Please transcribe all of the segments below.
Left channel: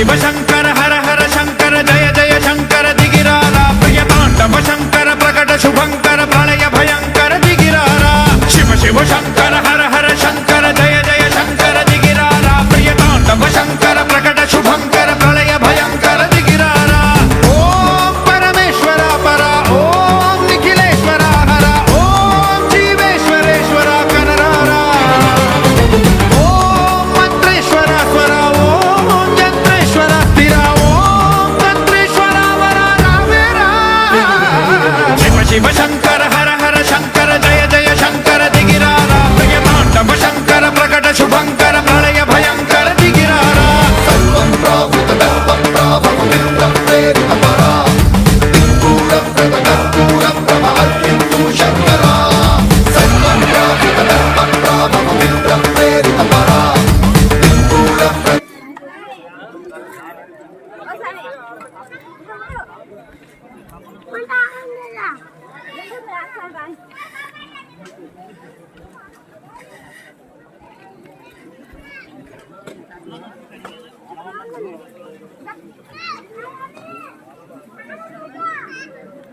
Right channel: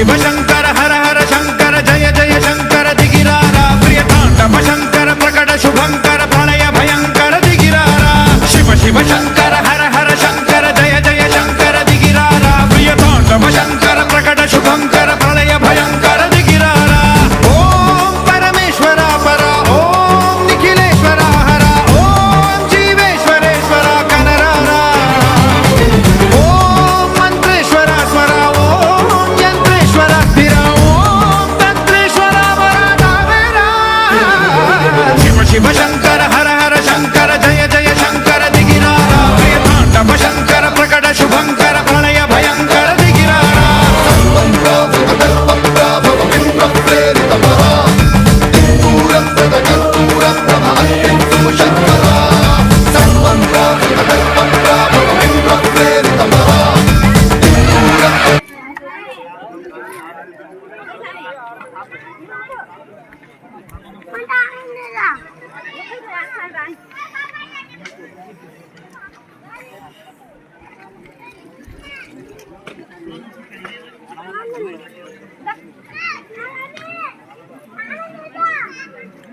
शिव शंकर हर हर शंकर जय जय शंकर दिगिरारा प्रिय तांडव शंकर प्रकट शुभंकर प्रलय भयंकर दिगिरारा शिव शिव शंकर हर हर शंकर जय जय शंकर दिगिरारा प्रिय तांडव शंकर प्रकट शुभंकर प्रलय भयंकर दिगिरारा ओम परमेश्वरा परा ओम निखिलेश्वरा हरा ओम जीवेश्वरेश्वरा कनरारा ओम मंत्रेश्वरा स्वरा ओम यंत्रेश्वरा स्थिरा ओम तंत्रेश्वरा वरा नावेरा शिव शिव शंकर हर हर शंकर जय जय शंकर दिगिरारा प्रिय तांडव शंकर प्रकट शुभंकर प्रलय भयंकर दिगिरारा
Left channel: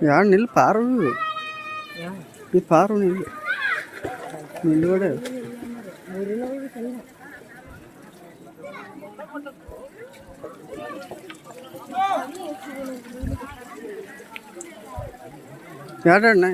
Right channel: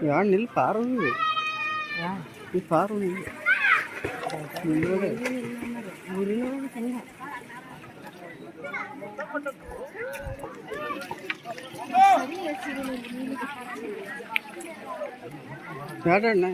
ಯಾರು ನಿಲ್ ಪಾರು ಈ ಪಾರು ನಿಲ್ ನಿಲ್ವಡೆ ಯಾರಣ್ಣ